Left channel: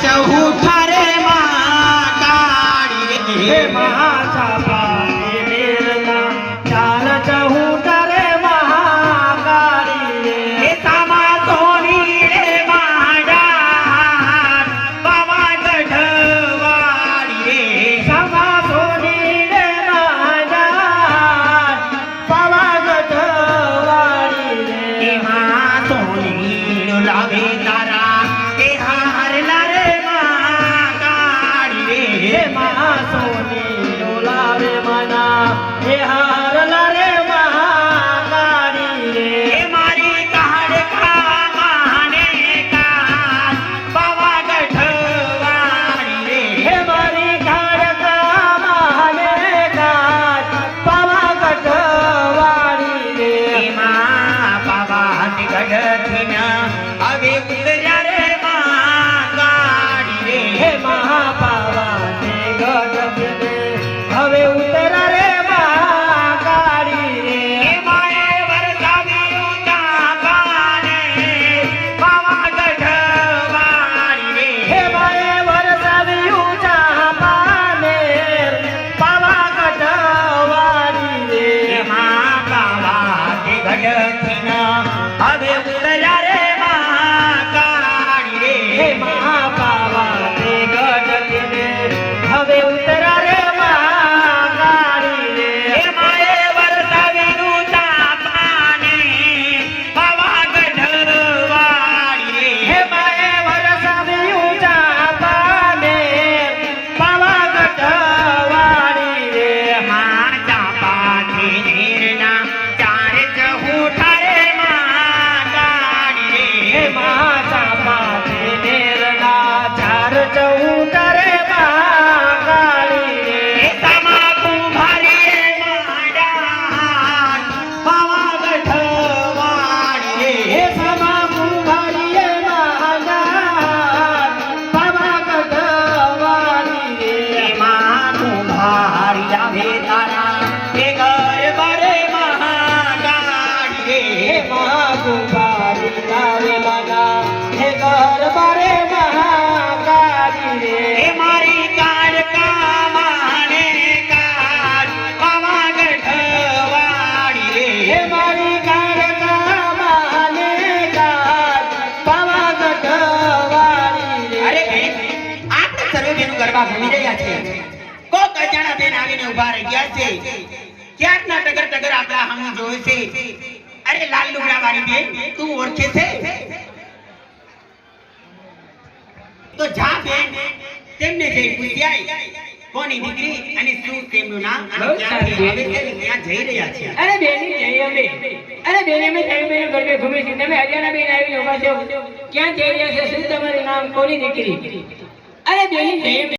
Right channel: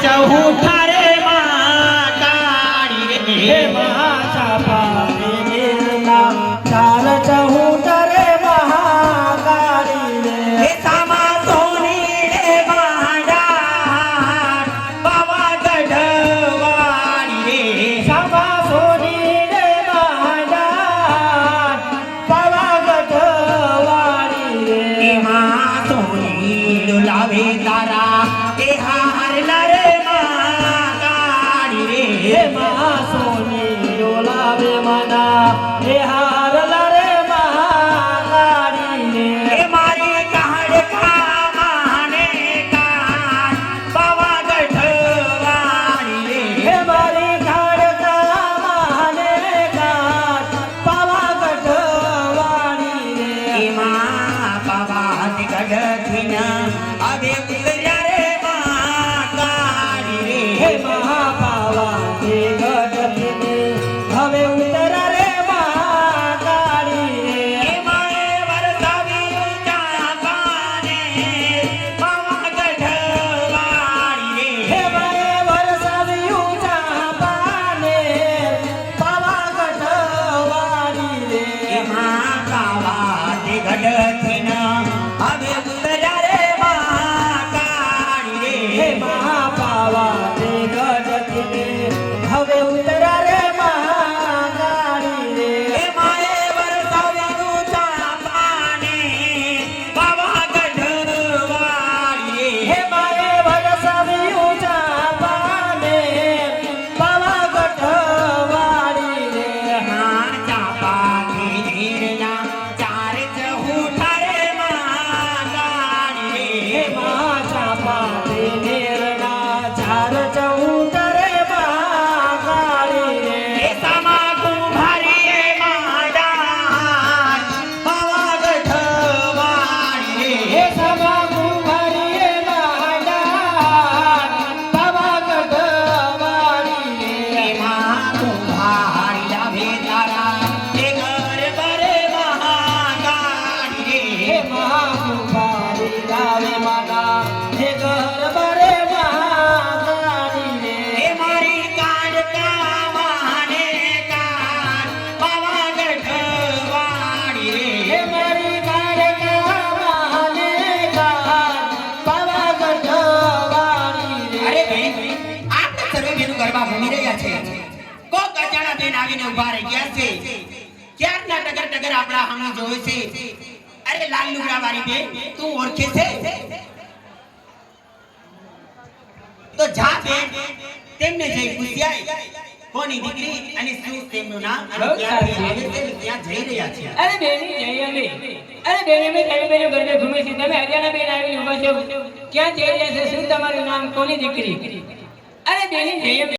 चौथा रे महाकाली रे महाचापाने निर्ला चार चौथा रे महाकाली रे सामा सोनी रे माडा बाबा गढ़वाली रे सामा सोनी रे माडा बाबा गढ़वाली रे मां सोनी लावे तारा ए हारला रे महाकाली रे मां सोनी डोलावे मना हे हारला रे महाकाली रे मारी कहाड़ का माने का बाबा गढ़वाली रे हे मारी घाड़ का माने का बाबा गढ़वाली रे मां बाबा गढ़थिन अबे उतर्या रे महाकाली रे हे महापावा ते गढ़थिन हवे उतरा रे महाकाली रे माए वरसावी ऊंचा पाने बाबा गढ़वाली रे हे मारे वरसावी ऊंचा पाने बाबा गढ़वाली रे मां बाबा गढ़थिन अबे उतर्या रे महाकाली रे हे महापावा ते गढ़थिन हवे उतरा रे महाकाली रे माए वरसावी ऊंचा पाने बाबा गढ़वाली रे हे माए वरसावी ऊंचा पाने बाबा गढ़वाली रे मां चापा थी नीरना चार चहूठा रे महाकाली रे हे महाचापा ते नेरला चार चौथा रे महाकाली रे सामा कुंभारी रे महादान बाबा गढ़वाली रे हे समा कुंभारी रे महादान बाबा गढ़वाली रे मां कुंभारी लाभे तारा हे घर बरे महाकाली हे रे महाकुंभारी लावे मना हे घर बारे महाकाली रे हे मारी काड़ का माने काड़ बाबा गढ़वाली रे हे मारी गाड़ का माने का बाबा गढ़वाली रे અરે બેન આપણે સરોજીનું ગરબા ભમી રહ્યા છે કોક અજાણા બેન આવીને ઊભા રહી ગયા છે ક્યારના ટગર ટગર આપણા સામે જોવે છે અરે લાલ લુગડા વાળી બેન તું ઓળખે છે તો જા બેન તેમને જઈ પૂછી આય કોની દીકરી અને શું તેમનું નામ અને ક્યાંથી આવે છે અને ક્યાં જઈ રહ્યા છે અરે બેની જઈ અમે અરે બેન અમે થયું બેનું ગરબે ઘૂમે છે તમે હરિયાણા બેન આવીને ઉભા છો ક્યાં જઈ રહ્યા છે શું તમારું નામ કોની દીકરી અરે બેની જઈ અમે